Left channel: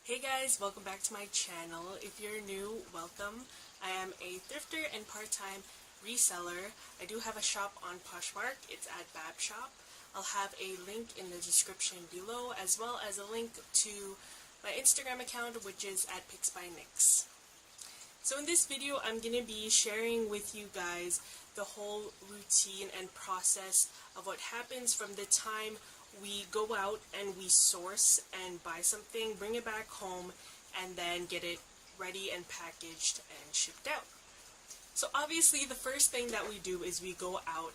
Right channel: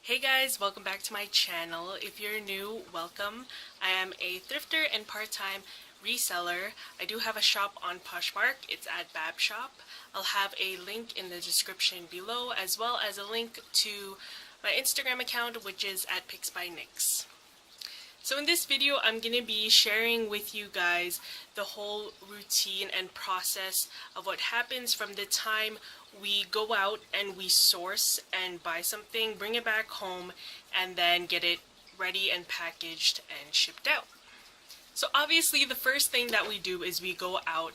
Hey guys, welcome back to my channel. If you're new, welcome. I am a thrifter and part-time reseller. I do have a shop on Poshmark. It's at Bab Shop. I'll have a link in the description below, as well as a link to my Instagram account, which is at Pics by Nix. So in this video, I'm going to be sharing with you guys the whole routine and process of what happens from the time we go out and we source and buy something, bring it back home, and then get it ready and packaged and shipped out. So obviously the first thing that we do is we go out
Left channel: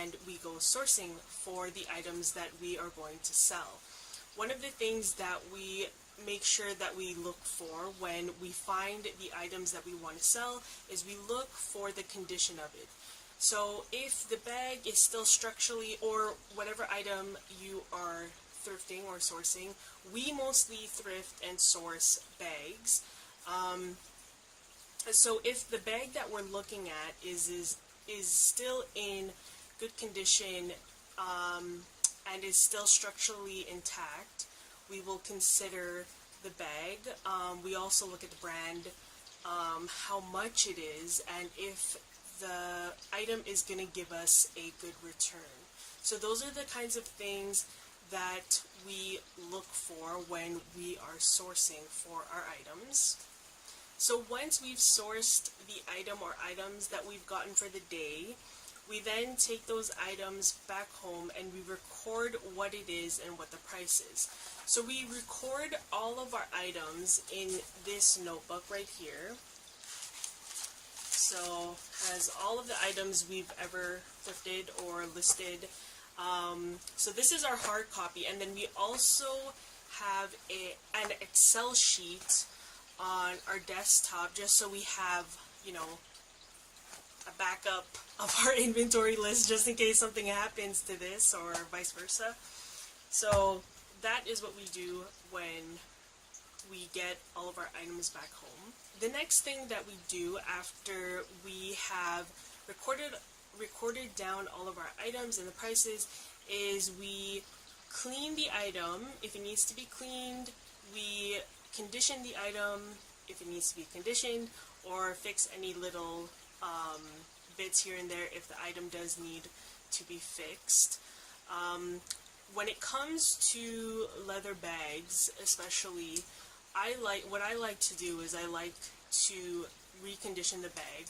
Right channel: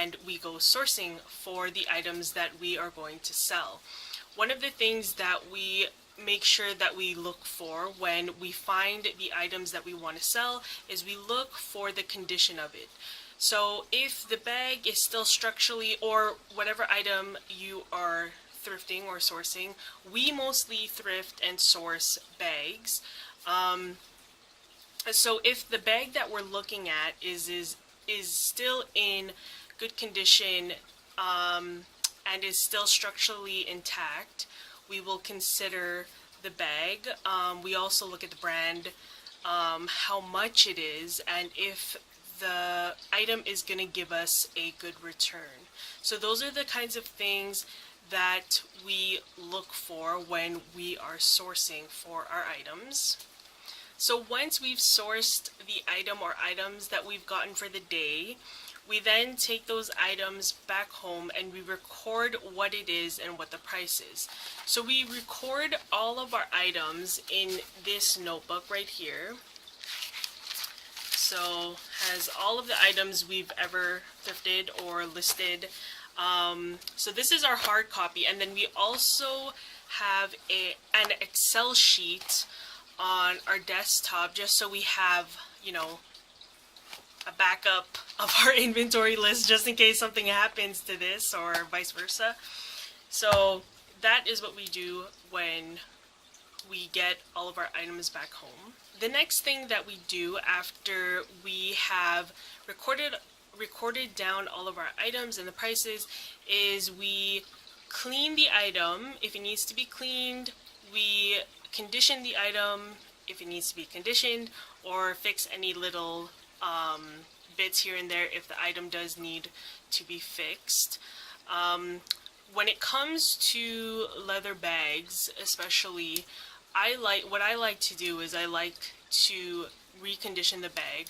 and we go sourcing for the items that we are going to sell. One of the things that we make sure that we look for when we find the items that we want to sell is we look for the condition of it. So if the bag is still structurally, or whatever item you are thrifting or sourcing, we mostly thrift and source bags. So if the bag that we're looking at is still in good condition and is still structurally intact, we will consider the bag. We also look at the brand, how much it is, and if the item is going to give us a good return. So those are the kinds of things that we look for when we are sourcing for our items. So once we've sourced the item or items that we've gotten for the day, we then take those items back home and we record what it is and what the price is. So we record all of our items in this notebook right here. So has all of the items we've ever thrifted or listed. So this is our hard copy, and then we also have an Excel sheet on our desktop just so we have, a backup of our inventory list just in case something happens to this or vice versa. So that is what we do when we get all of our items back home. The next thing that we do after we have recorded down all of our items and the prices is we clean the item if it needs to be cleaned, we condition the item if it needs to be conditioned, or fix any little bits here and there if the item does need to be fixed. When it comes to leather bags especially, what I like to do is I like to recondition the bag.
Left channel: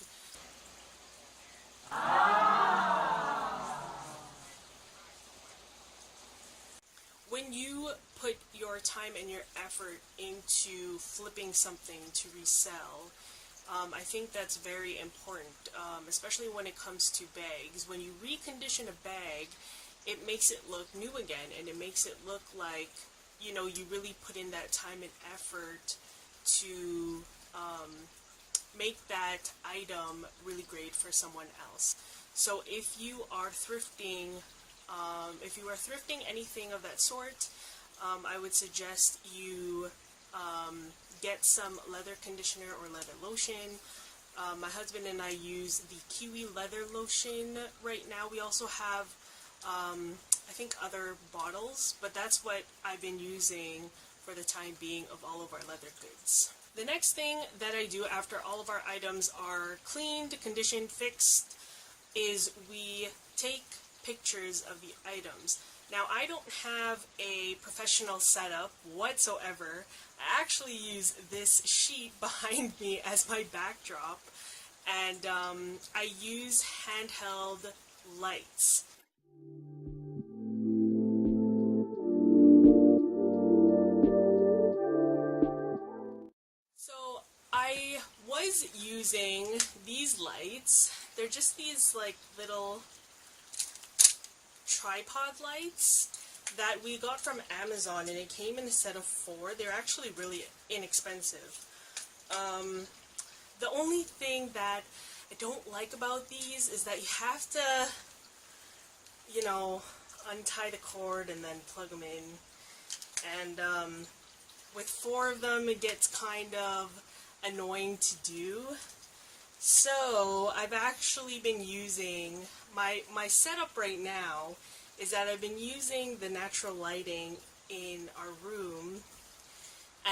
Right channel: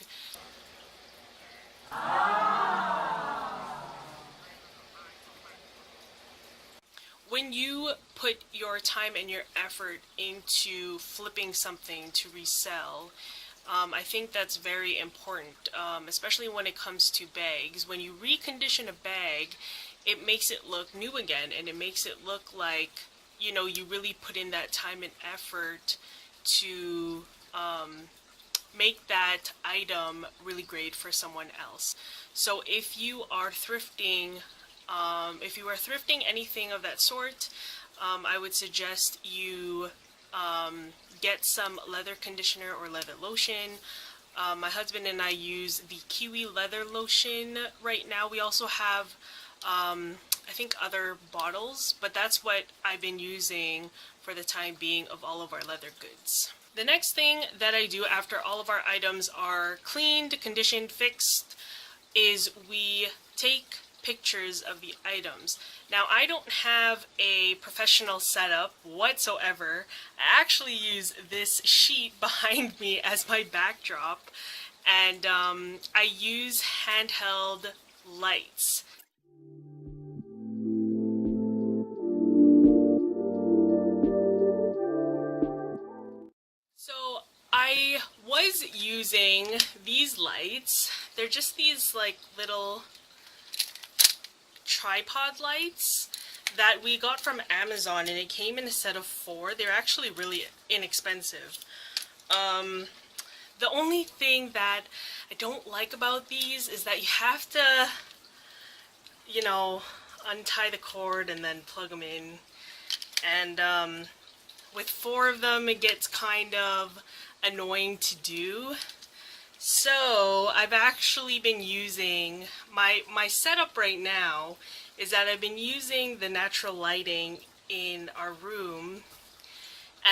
When you put your time and your effort into flipping something to resell, I think that's very important, especially when it comes to bags. When you recondition a bag, it makes it look new again, and it makes it look like you really put in that time and effort to make that item really great for someone else. So if you are thrifting, anything of that sort, I would suggest you get some leather conditioner or leather lotion. My husband and I use the Kiwi leather lotion right now. We also have I think other bottles, but that's what I've been using for the time being of all of our leather goods. The next thing that I do after all of our items are cleaned, conditioned, fixed, is we take pictures of the items. Now, I don't have a professional setup whatsoever. I actually use this sheet behind me as my backdrop, and I use handheld lights. So I was using these lights. They're just these like little tripod lights that we got from Amazon, and it came in a set of 4. They're actually really inexpensive. The only thing that I don't like about these is that you have to, untie the cord and then plug them in. And with 4 of them, it gets kind of annoying to do. So I've actually been using, my setup right now is that I've been using the natural lighting in our room,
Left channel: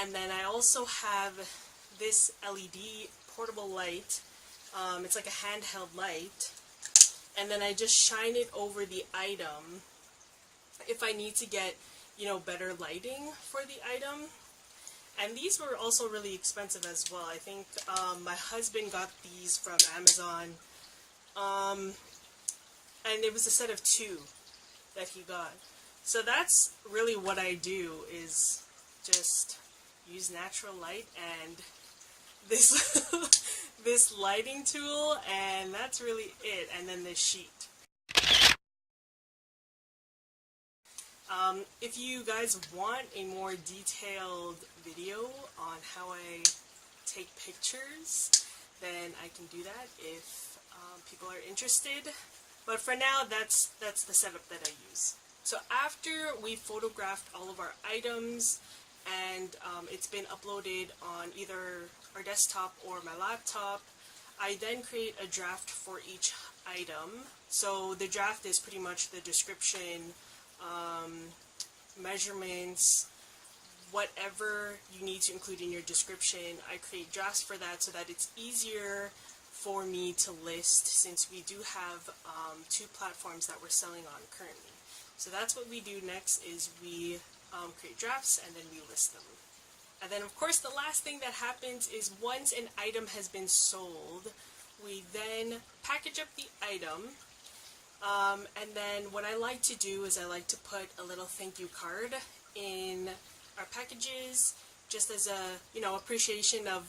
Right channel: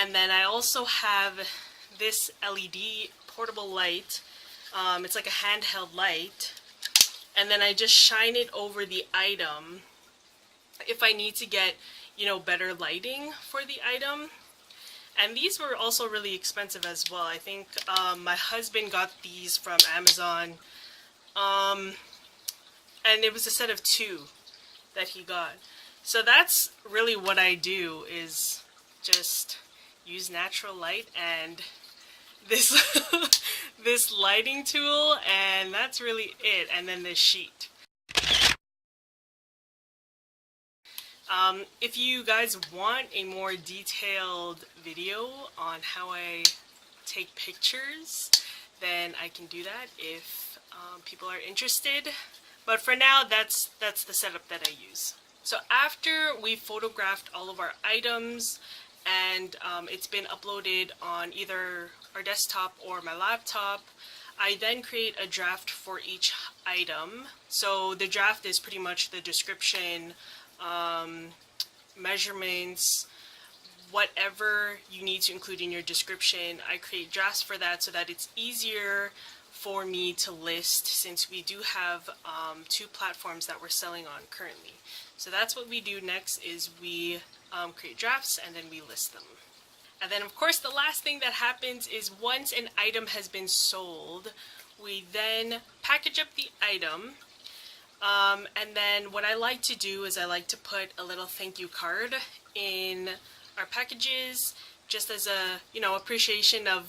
And then I also have this LED portable light. It's like a handheld light. And then I just shine it over the item if I need to get, better lighting for the item. And these were also really expensive as well. I think my husband got these from Amazon. And it was a set of 2 that he got. So that's really what I do, is just use natural light and this this lighting tool, and that's really it. And then this sheet. If you guys want a more detailed video on how I take pictures, then I can do that if people are interested. But for now, that's the setup that I use. So after we photographed all of our items and it's been uploaded on either our desktop or my laptop, I then create a draft for each item. So the draft is pretty much the description, measurements, whatever you need to include in your description. I create drafts for that so that it's easier for me to list, since we do have 2 platforms that we're selling on currently. So that's what we do next, is we create drafts and then we list them. And then of course the last thing that happens is once an item has been sold, we then package up the item. And then what I like to do is I like to put a little thank you card in our packages, just as a appreciation of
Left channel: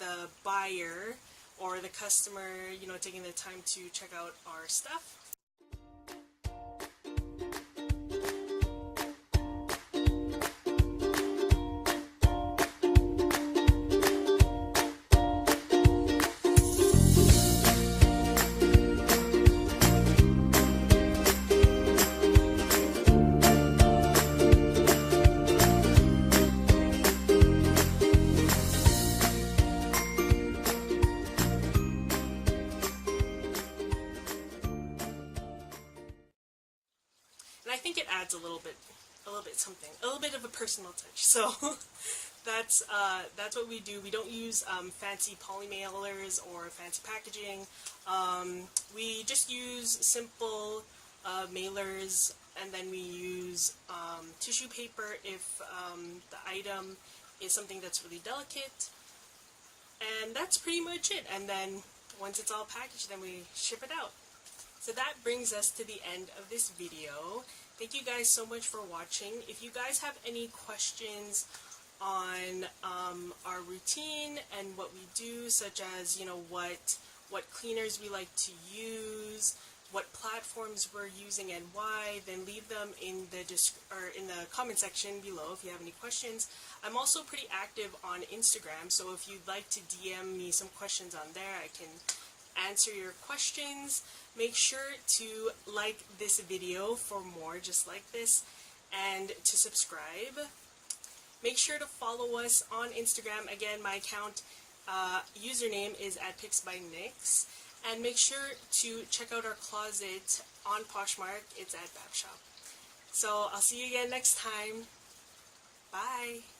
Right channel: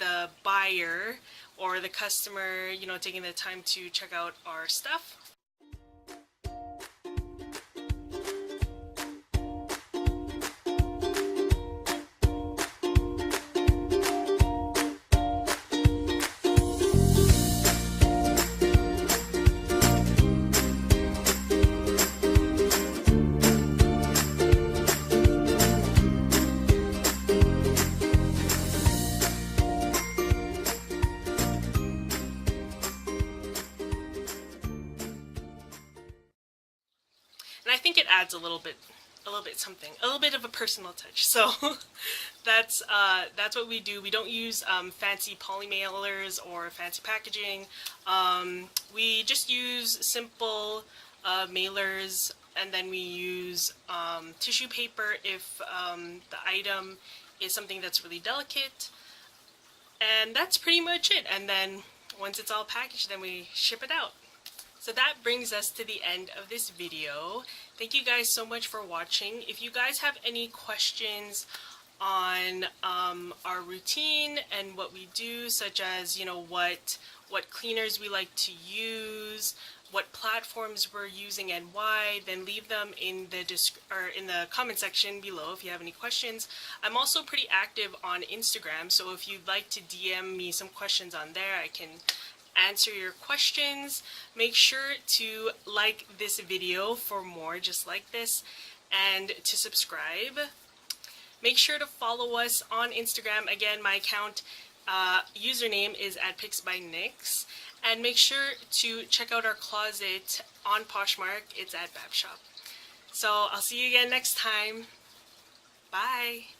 the buyer or the customer taking the time to check out our stuff. Adds a little bit something, a little bit of a personal touch. So that's what we do. We don't use fancy poly mailers or fancy packaging. We just use simple mailers, and then we use tissue paper if the item is something that's really delicate. And that's pretty much it. And then once it's all packaged, then we ship it out. So that brings us to the end of this video. Thank you guys so much for watching. If you guys have any questions on our routine and what we do, such as what cleaners we like to use, what platforms we're using and why, then leave them in the comment section below if you have any questions. I'm also pretty active on Instagram, so if you'd like to DM me some questions on there, I can answer your questions. Make sure to like this video for more just like this, and to subscribe. Make sure to follow us on Instagram. Again, my account username is @PicsByNix, and make sure to check out our closet on Poshmark. It's at Babshop. So I'll see you again next time. Bye.